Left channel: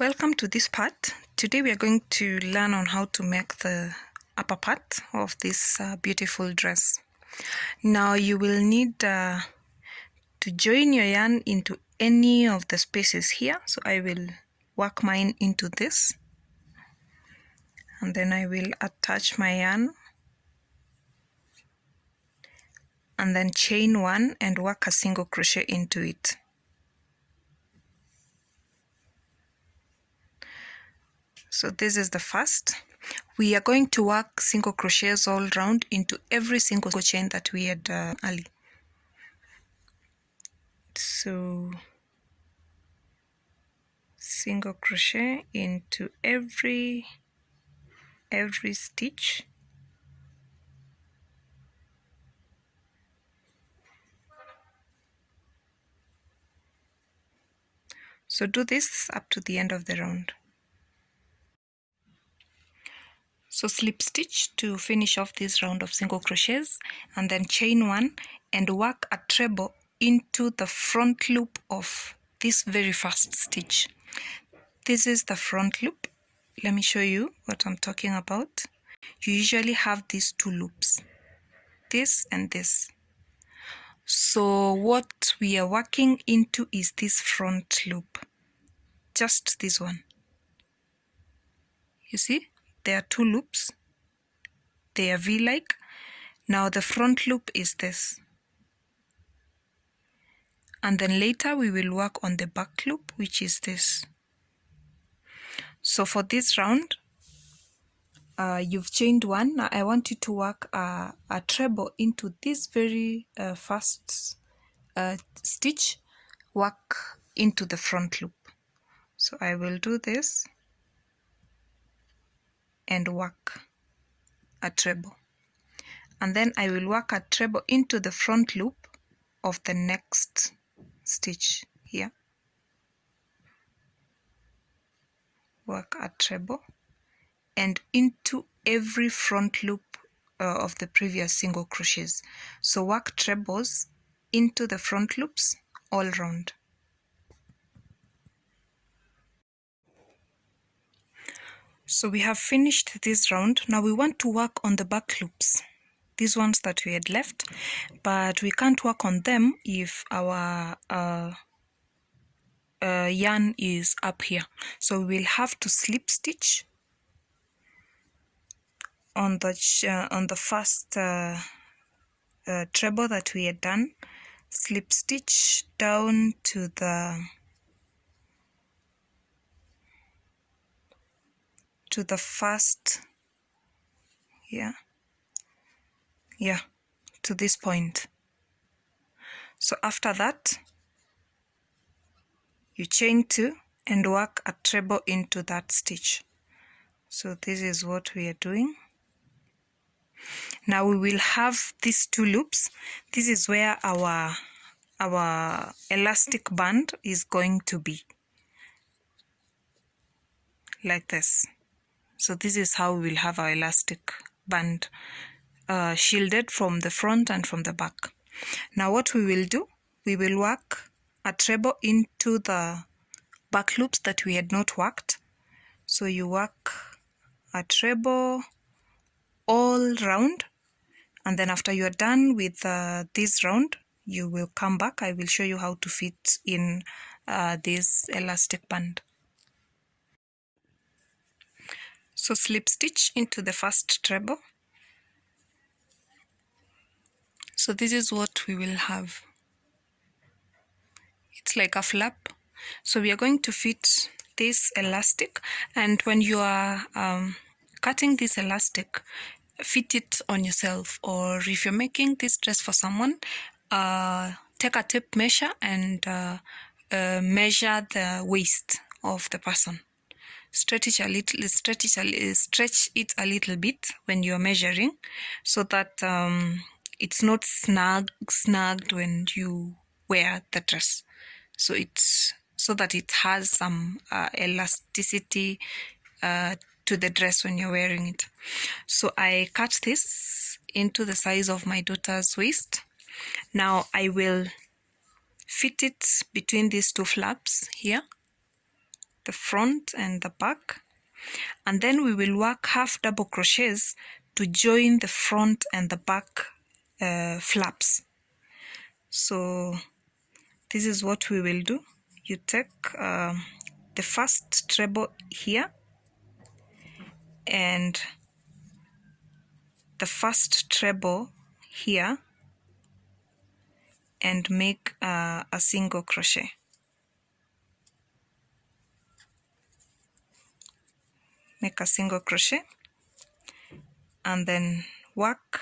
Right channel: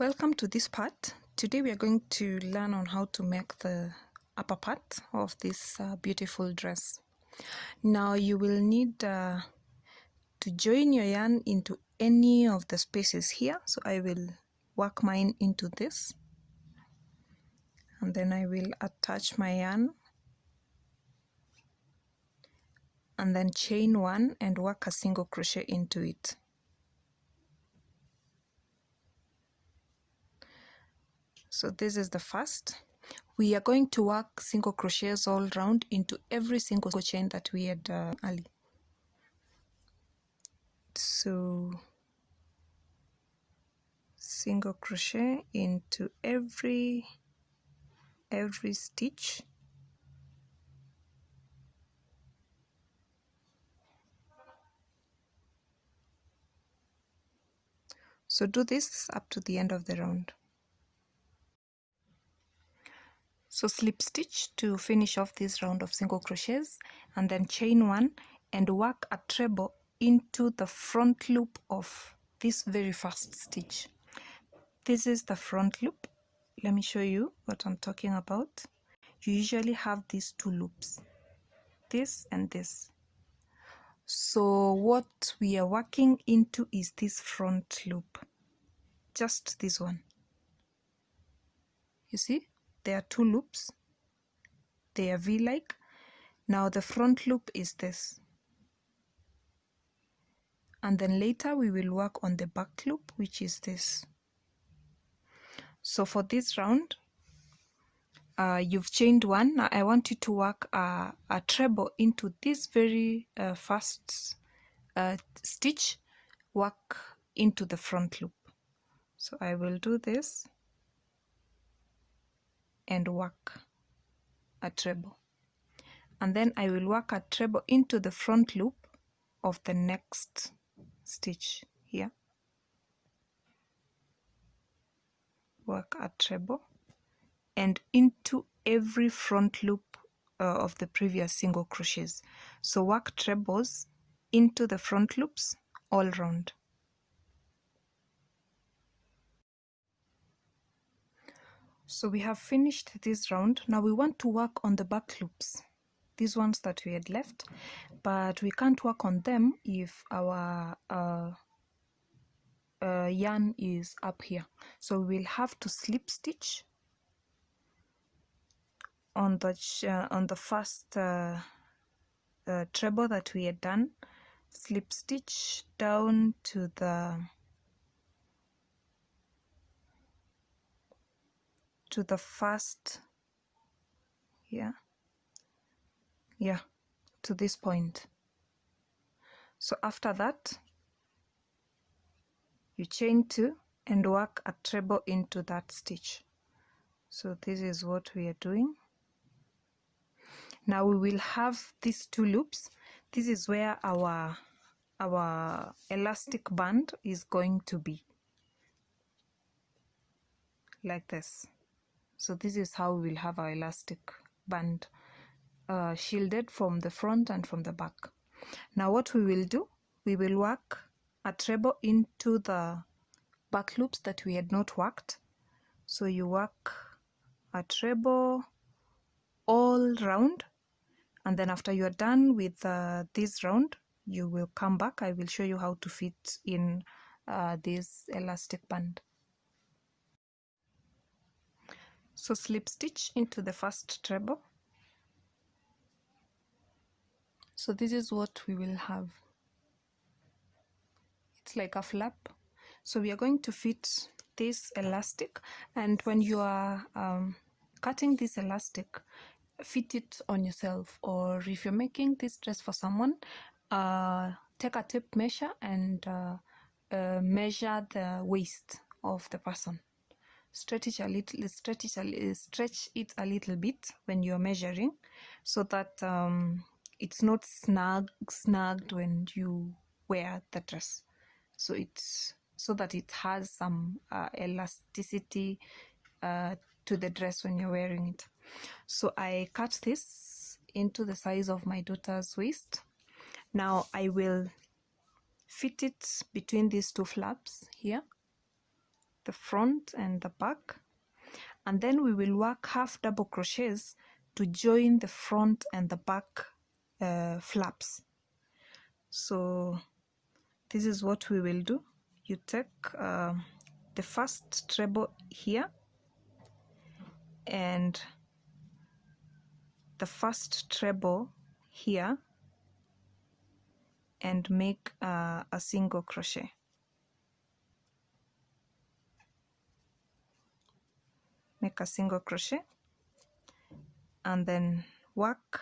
Welcome to this part. Today we are going to learn on how to make the upper part of this beautiful dress. Now you will need to join your yarn into any of the spaces here. So I will work mine into this, and then I will attach my yarn and then chain one and work a single crochet into it. So this is the first. We are going to work single crochets all round into every single chain that we had early. So single crochet into every stitch. So do this up to the end of the round. So slip stitch to finish off this round of single crochets, and then chain one and work a treble into the front loop of this very first stitch. This is the front loop. Let me show you what I'm talking about. You usually have these two loops, this and this. So what we are working into is this front loop, just this one. You see, there are two loops. They are V-like. Now the front loop is this. And then later we will work on the back loop, which is this. So for this round, you've chained one. Now I want you to work a treble into this very first stitch, work into the front loop. So I will do this and work a treble. And then I will work a treble into the front loop of the next stitch here. Work a treble and into every front loop of the previous single crochets. So work trebles into the front loops all round. So we have finished this round. Now we want to work on the back loops, these ones that we had left, but we can't work on them if our yarn is up here. So we'll have to slip stitch on the first treble that we had done. Slip stitch down to the first, to this point. So after that, you chain two and work a treble into that stitch. So this is what we are doing. Now we will have these two loops. This is where our elastic band is going to be, like this. So this is how we will have our elastic band shielded from the front and from the back. Now what we will do, we will work a treble into the back loops that we had not worked. So you work a treble all round, and then after you are done with this round, you will come back. I will show you how to fit in this elastic band. So slip stitch into the first treble. So this is what we will have. It's like a flap. So we are going to fit this elastic, and when you are cutting this elastic, fit it on yourself, or if you're making this dress for someone, take a tape measure and measure the waist of the person. Stretch it a little bit when you're measuring, so that it's not snagged when you wear the dress. So that it has some elasticity to the dress when you're wearing it. So I cut this into the size of my daughter's waist. Now I will fit it between these two flaps here. the front and the back, and then we will work half double crochets to join the front and the back flaps. So this is what we will do. You take the first treble here and the first treble here and make a single crochet. Make a single crochet and then work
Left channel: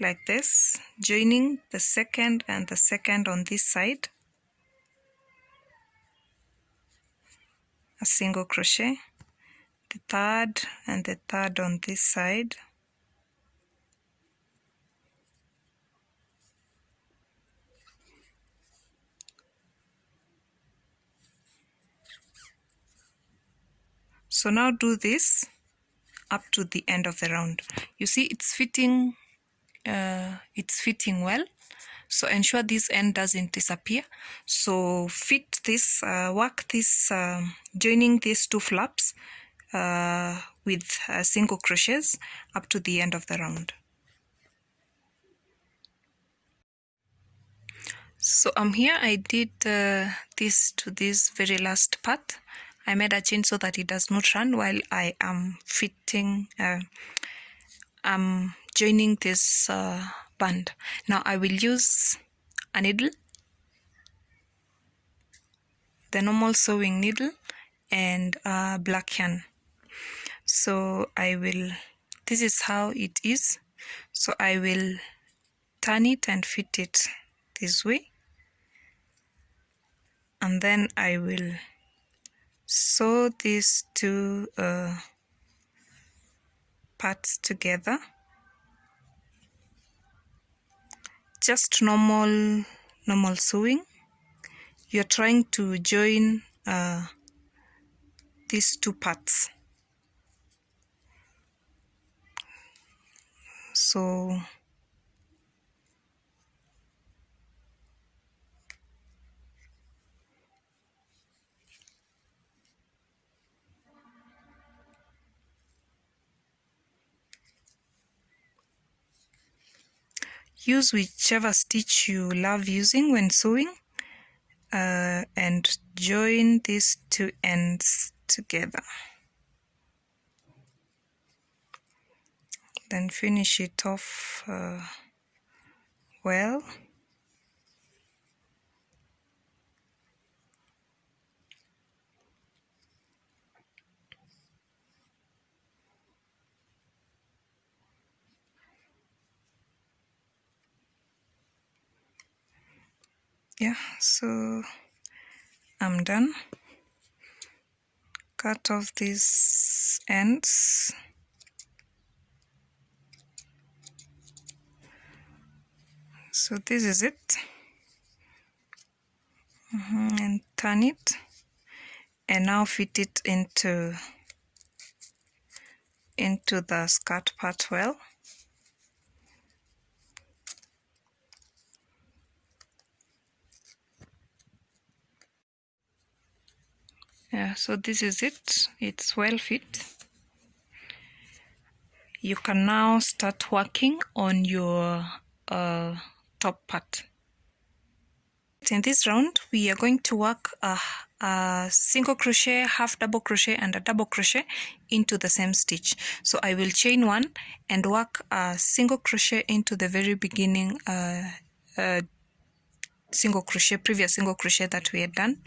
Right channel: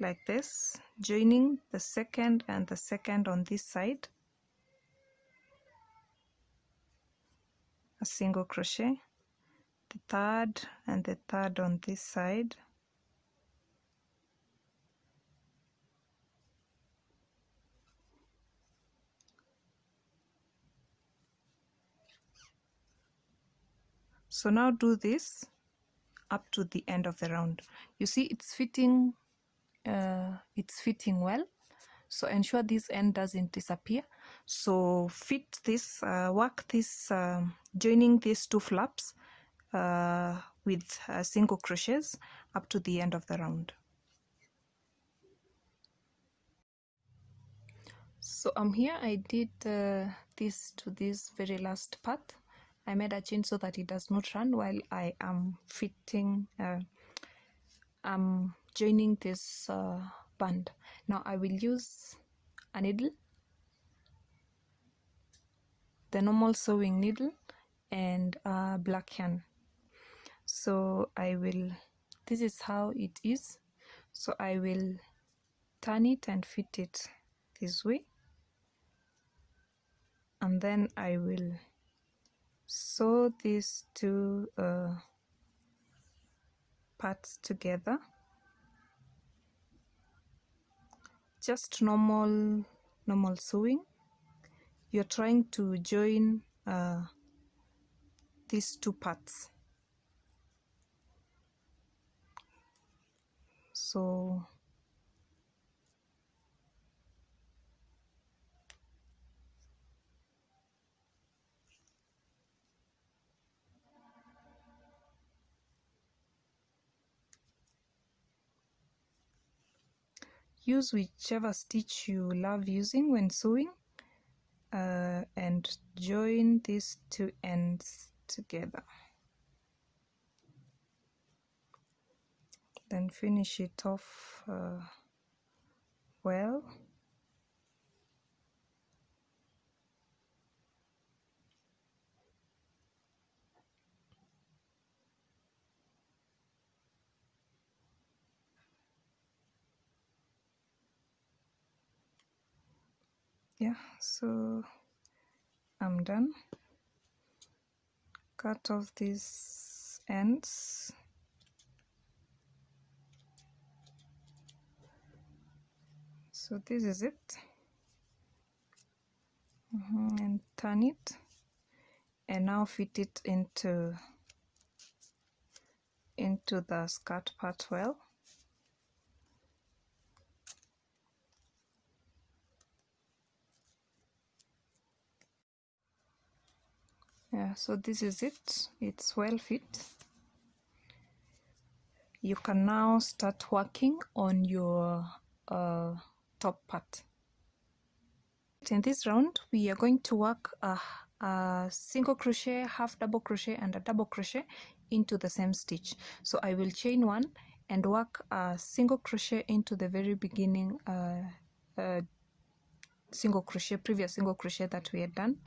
like this, joining the second and the second on this side, a single crochet, the third and the third on this side, so now do this up to the end of the round. You see it's fitting well, so ensure this end doesn't disappear. So fit this, work this, joining these two flaps with single crochets up to the end of the round. So here I did this to this very last part. I made a chain so that it does not run while I am fitting, I'm joining this band. Now I will use a needle, the normal sewing needle, and a black yarn. So I will, this is how it is. So I will turn it and fit it this way, and then I will sew these two parts together. Just normal sewing. You're trying to join these two parts. So use whichever stitch you love using when sewing, and join these two ends together. Then finish it off well. Yeah, so I'm done. Cut off these ends. So this is it. And turn it, and now fit it into the skirt part well. Yeah, so this is it. It's well fit. You can now start working on your top part. In this round, we are going to work a single crochet, half double crochet, and a double crochet into the same stitch. So I will chain one and work a single crochet into the very beginning previous single crochet that we had done,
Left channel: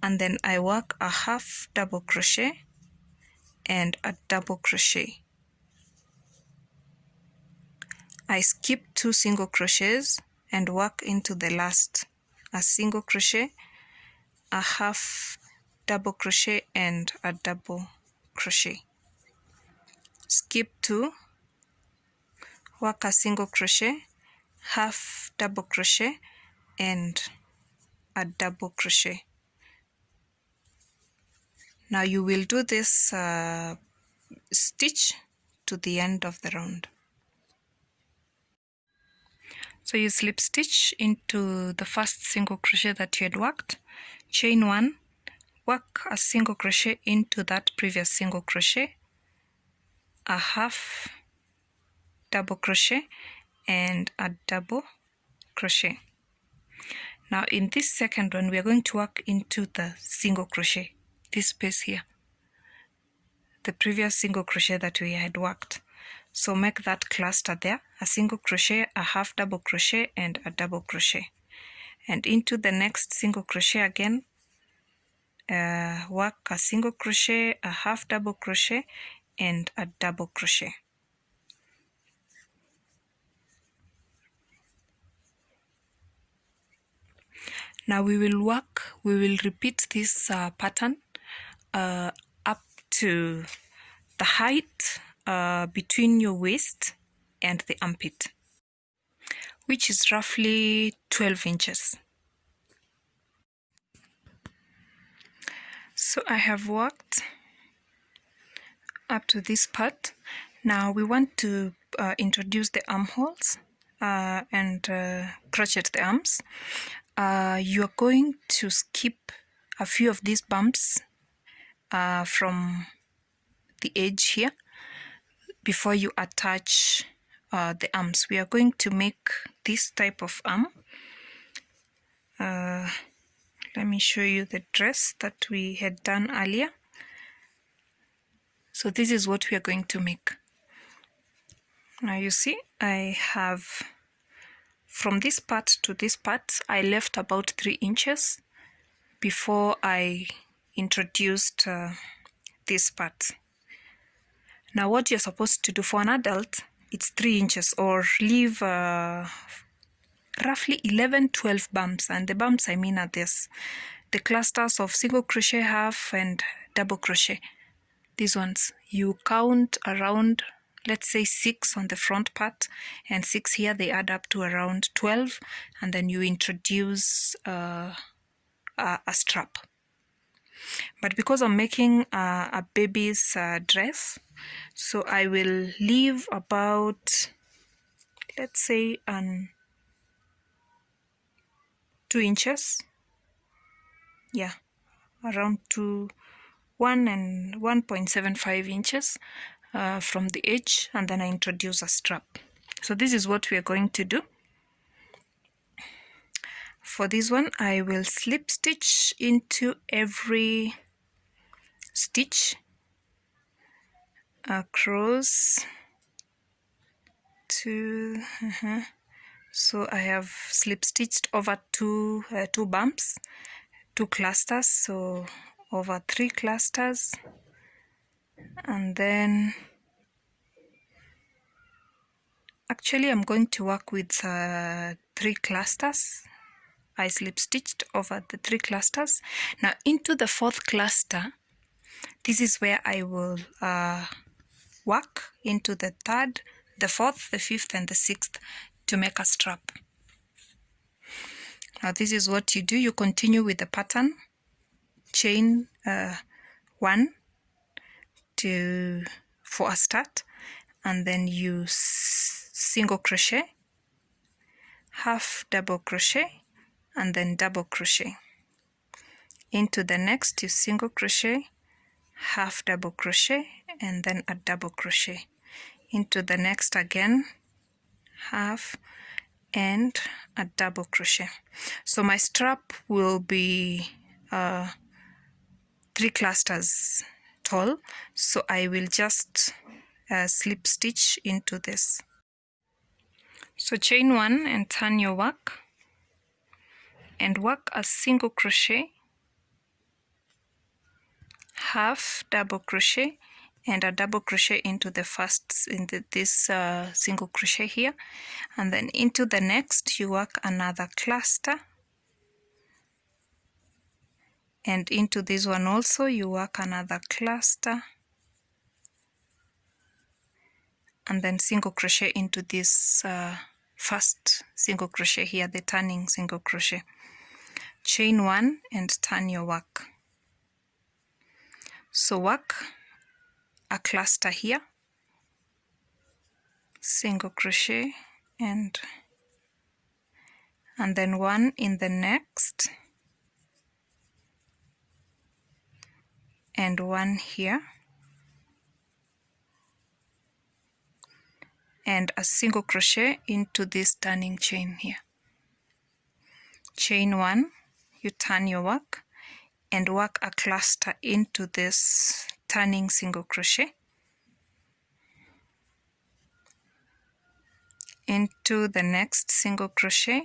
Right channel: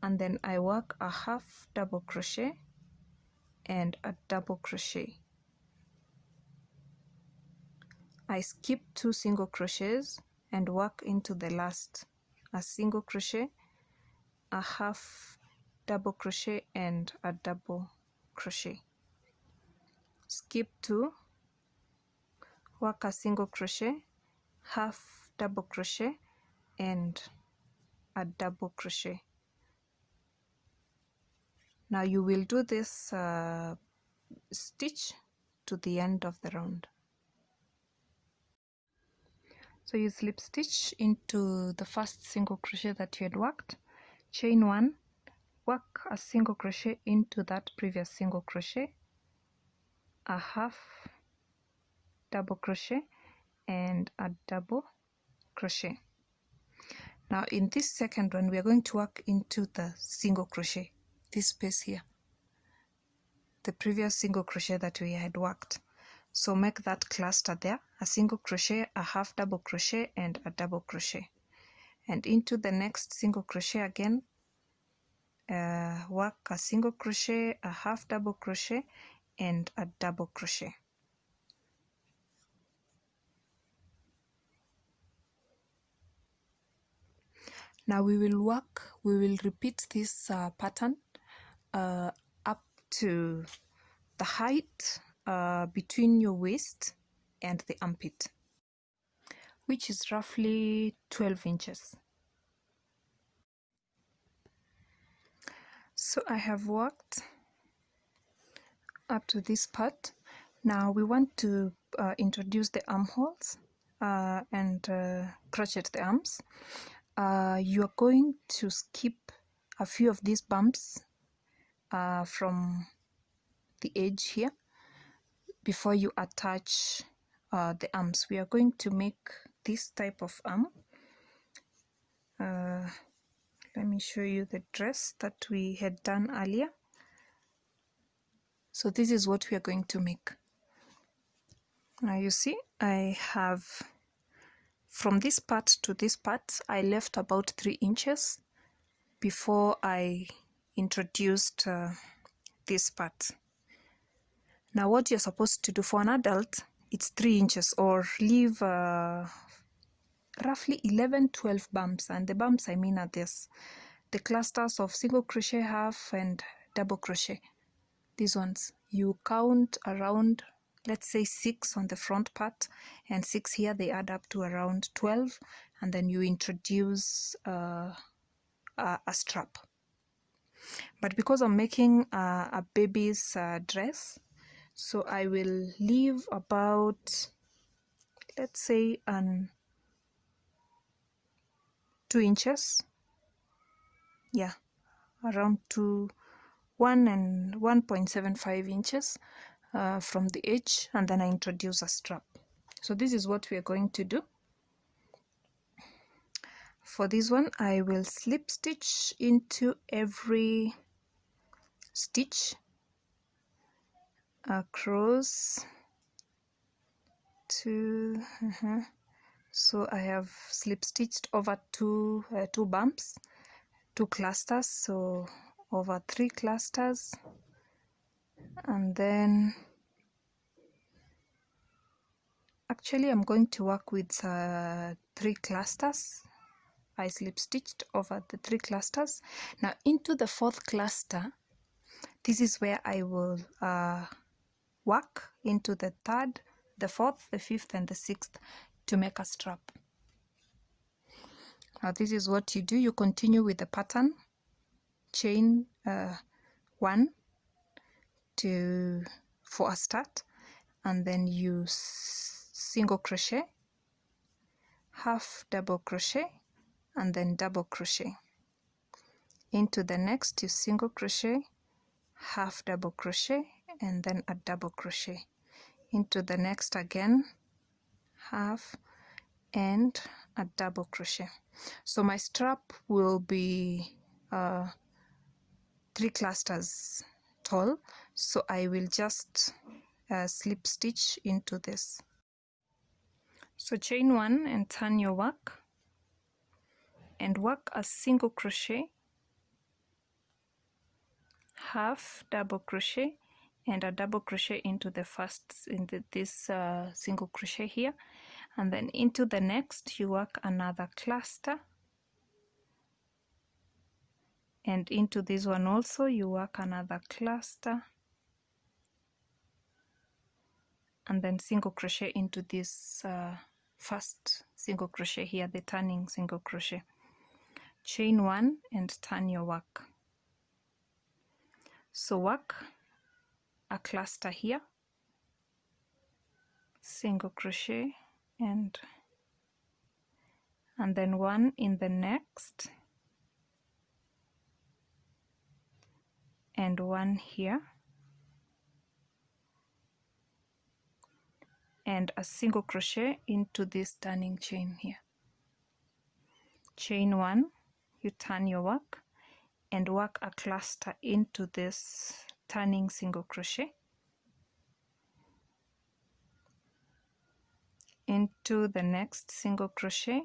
and then I work a half double crochet and a double crochet. I skip 2 single crochets and work into the last, a single crochet, a half double crochet, and a double crochet. Skip 2, work a single crochet, half double crochet, and a double crochet. Now you will do this stitch to the end of the round. So you slip stitch into the first single crochet that you had worked, chain one, work a single crochet into that previous single crochet, a half double crochet, and a double crochet. Now in this second one, we are going to work into the single crochet, this space here, the previous single crochet that we had worked. So make that cluster there, a single crochet, a half double crochet, and a double crochet. And into the next single crochet again, work a single crochet, a half double crochet, and a double crochet. Now we will repeat this pattern up to the height between your waist and the armpit, which is roughly 12 inches. So I have worked up to this part. Now we want to introduce the armholes and crochet the arms. You are going to skip a few of these bumps from the edge here before you attach the arms. We are going to make this type of arm. Let me show you the dress that we had done earlier. So this is what we are going to make. Now you see, I have from this part to this part, I left about 3 inches before I introduced this part. Now what you're supposed to do for an adult, it's 3 inches, or leave roughly 11-12 bumps. And the bumps I mean are this, the clusters of single crochet, half, and double crochet. These ones, you count around, let's say 6 on the front part and 6 here, they add up to around 12, and then you introduce a strap. But because I'm making a baby's dress, so I will leave about, let's say 2 inches, yeah, around 1 and 1.75 inches from the edge, and then I introduce a strap. So this is what we are going to do. For this one, I will slip stitch into every stitch across to so I have slip stitched over two bumps, 2 clusters, so over 3 clusters, and then actually I'm going to work with 3 clusters. I slip stitched over the 3 clusters. Now into the 4th cluster, this is where I will work into the 3rd, the 4th, the 5th, and the 6th to make a strap. Now this is what you do. You continue with the pattern, chain 1 for a start, and then you single crochet, half double crochet, and then double crochet. Into the next, you single crochet, half double crochet, and then a double crochet. Into the next again, half and a double crochet. So my strap will be 3 clusters tall, so I will just slip stitch into this. So chain 1 and turn your work and work a single crochet, half double crochet, and a double crochet into the first, this single crochet here, and then into the next you work another cluster, and into this one also you work another cluster, and then single crochet into this first single crochet here, the turning single crochet. Chain 1 and turn your work. So work a cluster here, single crochet, and then 1 in the next, and one here, and a single crochet into this turning chain here. Chain one, you turn your work and work a cluster into this turning single crochet, into the next single crochet,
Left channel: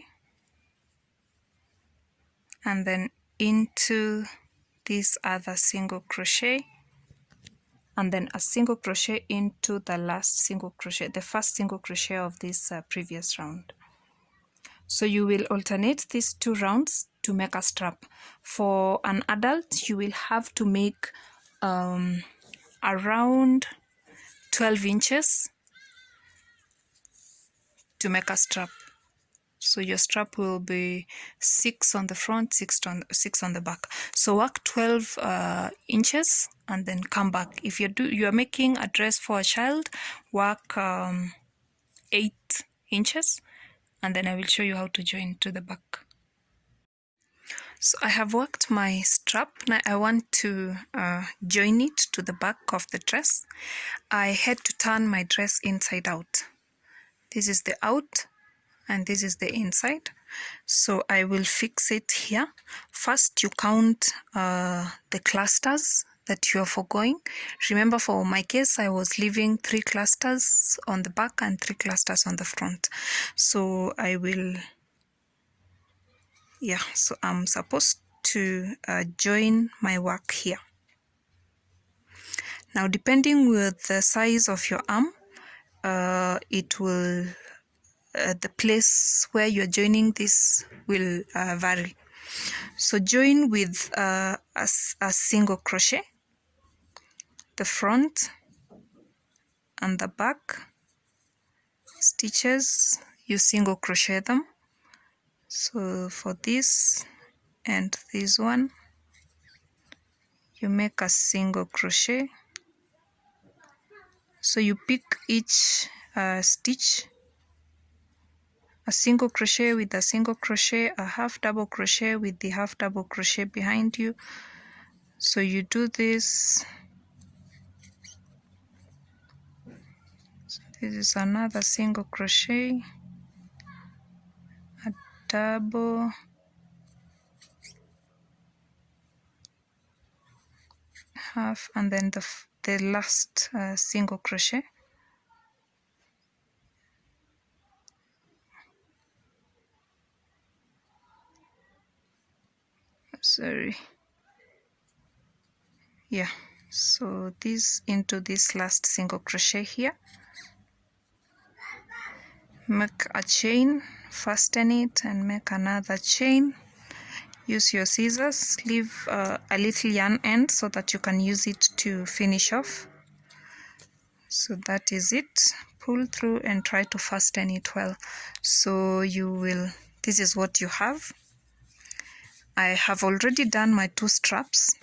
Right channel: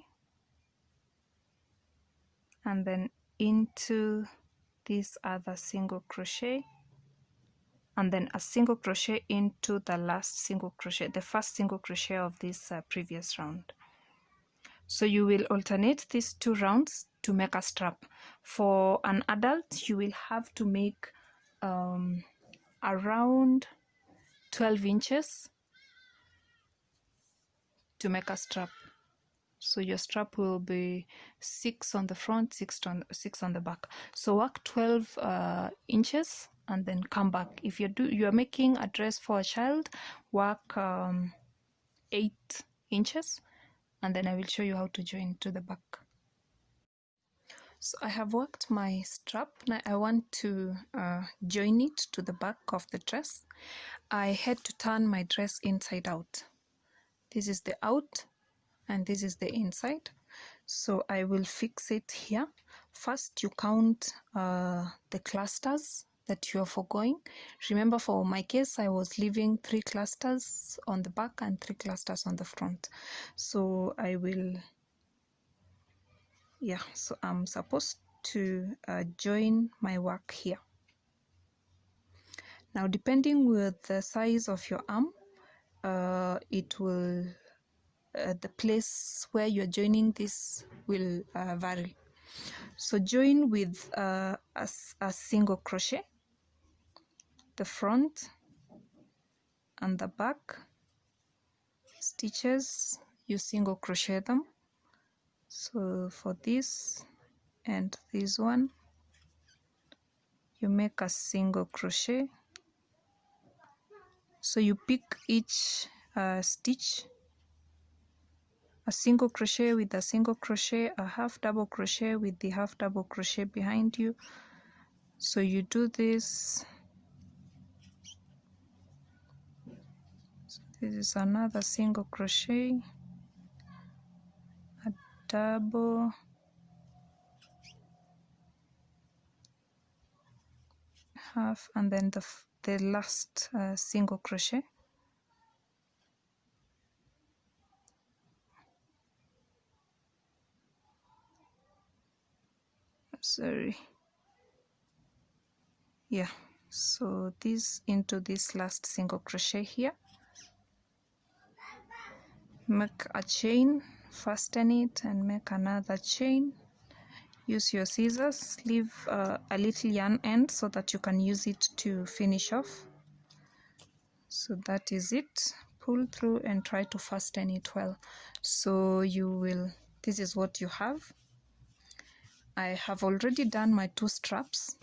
and then into this other single crochet, and then a single crochet into the last single crochet, the first single crochet of this previous round. So you will alternate these 2 rounds to make a strap. For an adult, you will have to make around 12 inches to make a strap. So your strap will be 6 on the front, 6 on the back. So work 12 inches and then come back. If you are making a dress for a child, work 8 inches, and then I will show you how to join to the back. So I have worked my strap. Now I want to join it to the back of the dress. I had to turn my dress inside out. This is the out and this is the inside. So I will fix it here. First you count the clusters that you are foregoing. Remember, for my case, I was leaving 3 clusters on the back and 3 clusters on the front. So I will, so I'm supposed to join my work here. Now, depending with the size of your arm, it will, the place where you're joining this will vary. So join with a single crochet, the front and the back stitches, you single crochet them. So for this and this one, you make a single crochet. So you pick each stitch, a single crochet with a single crochet, a half double crochet with the half double crochet behind you. So you do this. So this is another single crochet, a double, half, and then the last single crochet. Sorry. Yeah, so this into this last single crochet here. Make a chain, fasten it and make another chain. Use your scissors, leave a little yarn end so that you can use it to finish off. So that is it. Pull through and try to fasten it well. So you will, this is what you have. I have already done my 2 straps.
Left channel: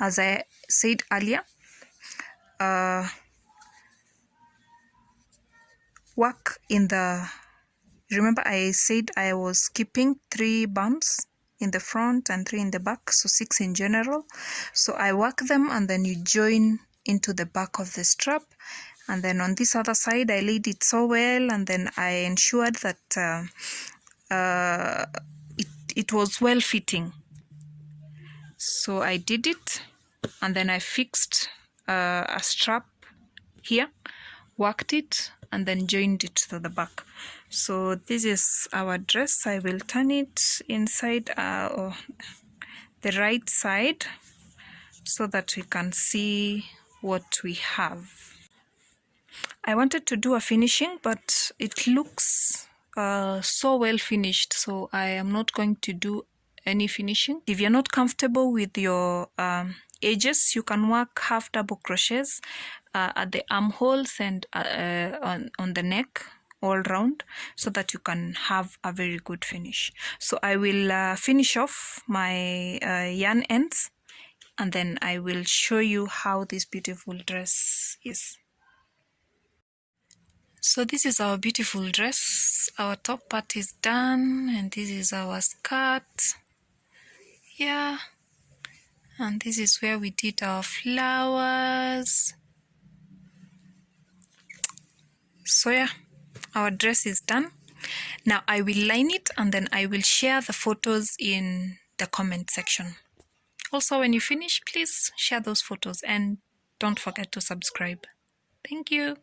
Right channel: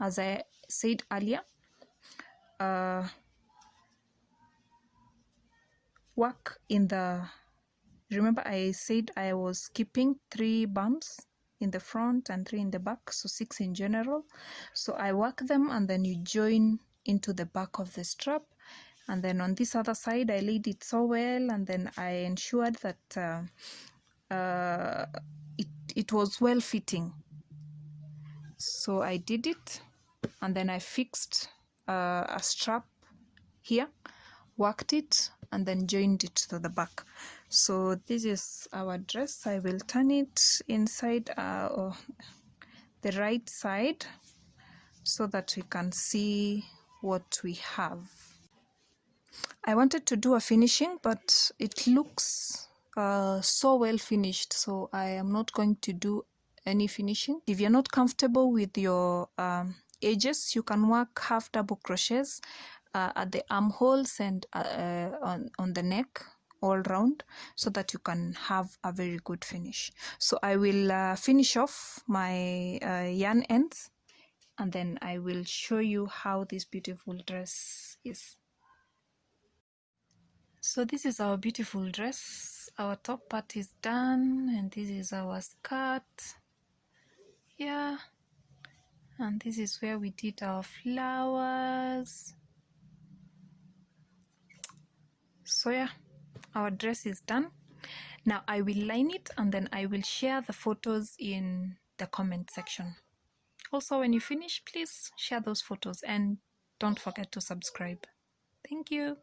As I said earlier, work in the, remember I said I was keeping 3 bumps in the front and 3 in the back, so 6 in general. So I work them and then you join into the back of the strap, and then on this other side I laid it so well, and then I ensured that it was well fitting. So I did it, and then I fixed a strap here, worked it, and then joined it to the back. So this is our dress. I will turn it inside the right side so that we can see what we have. I wanted to do a finishing, but it looks so well finished, so I am not going to do any finishing. If you're not comfortable with your edges, you can work half double crochets at the armholes and on the neck all round, so that you can have a very good finish. So I will finish off my yarn ends, and then I will show you how this beautiful dress is. So this is our beautiful dress. Our top part is done, and this is our skirt. Yeah, And this is where we did our flowers. So yeah, our dress is done. Now I will line it and then I will share the photos in the comment section. Also, when you finish, please share those photos and don't forget to subscribe. Thank you.